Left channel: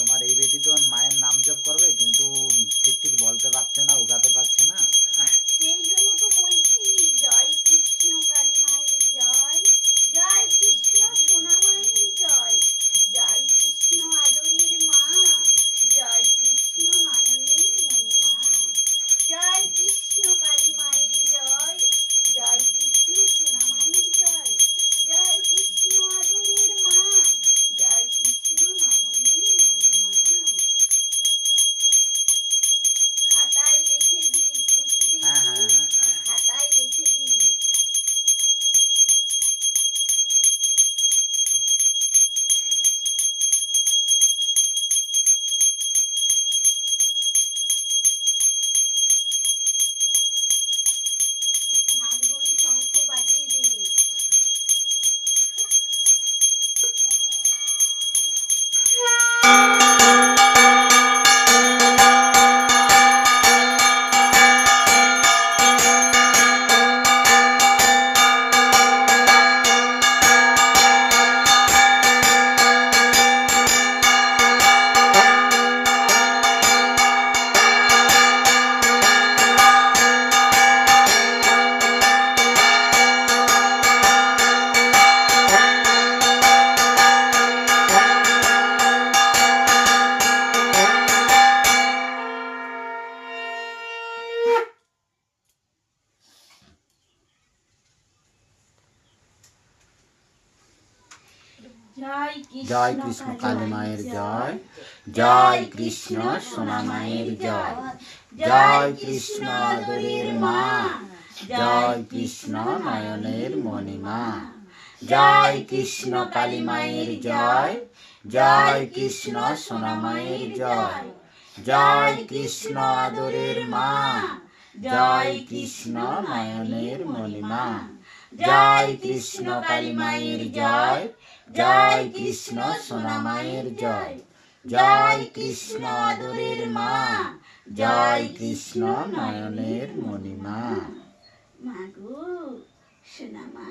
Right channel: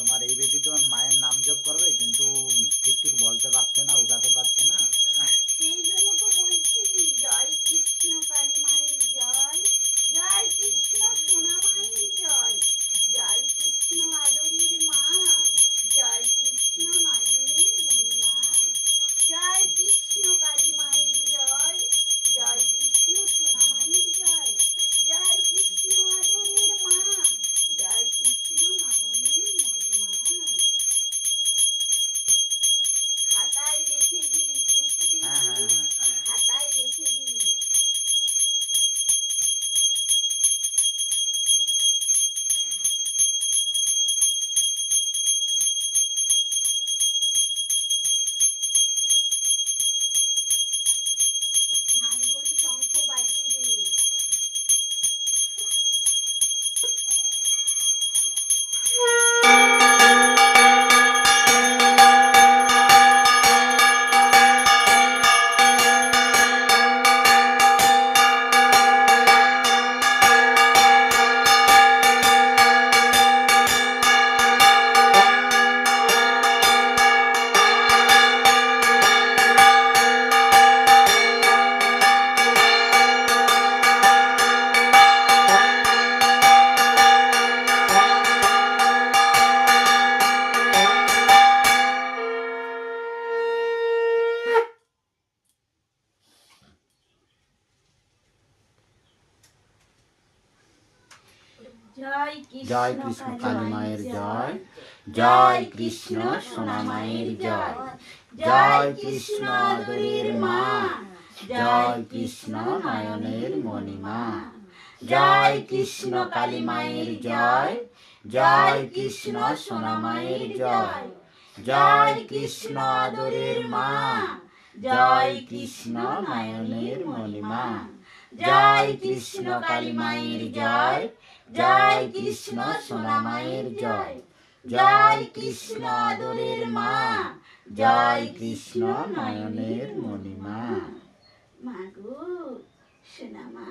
তোমার এই বেটি তো মায়ের নাম জপ করবে, কিন্তু ঠিক ঠিক বলতে পারছে না, উগাতে পারছে না। সেই জন্য তো বলছি, জয় কৃষ্ণ কালী মায়ের জয়, জয় কৃষ্ণ সোনা মায়ের জয়, জয় কৃষ্ণ আদরের মা, জয় কৃষ্ণ নয়নের মণিমা, জয় কৃষ্ণ কালী মায়ের জয়, জয় কৃষ্ণ সোনা মায়ের জয়, জয় কৃষ্ণ আদরের মা, জয় কৃষ্ণ নয়নের মণিমা। খাতায় লিখে দিস, বুঝতে হ্যাঁ হ্যাঁ পেরেছিস? হ্যাঁ। খাতায় লিখে দিস। ঝাঁঝরি শঙ্খ বাজিয়ে দে। জয় কৃষ্ণ কালী মায়ের জয়, জয় কৃষ্ণ সোনা মায়ের জয়, জয় কৃষ্ণ আদরের মা, জয় কৃষ্ণ নয়নের মণিমা, জয় কৃষ্ণ কালী মায়ের জয়, জয় কৃষ্ণ সোনা মায়ের জয়, জয় কৃষ্ণ আদরের মা, জয় কৃষ্ণ নয়নের মণিমা, জয় কৃষ্ণ কালী মায়ের জয়, জয় কৃষ্ণ সোনা মায়ের জয়, জয় কৃষ্ণ আদরের মা, জয় কৃষ্ণ নয়নের মণিমা। মাগো সোনা মা।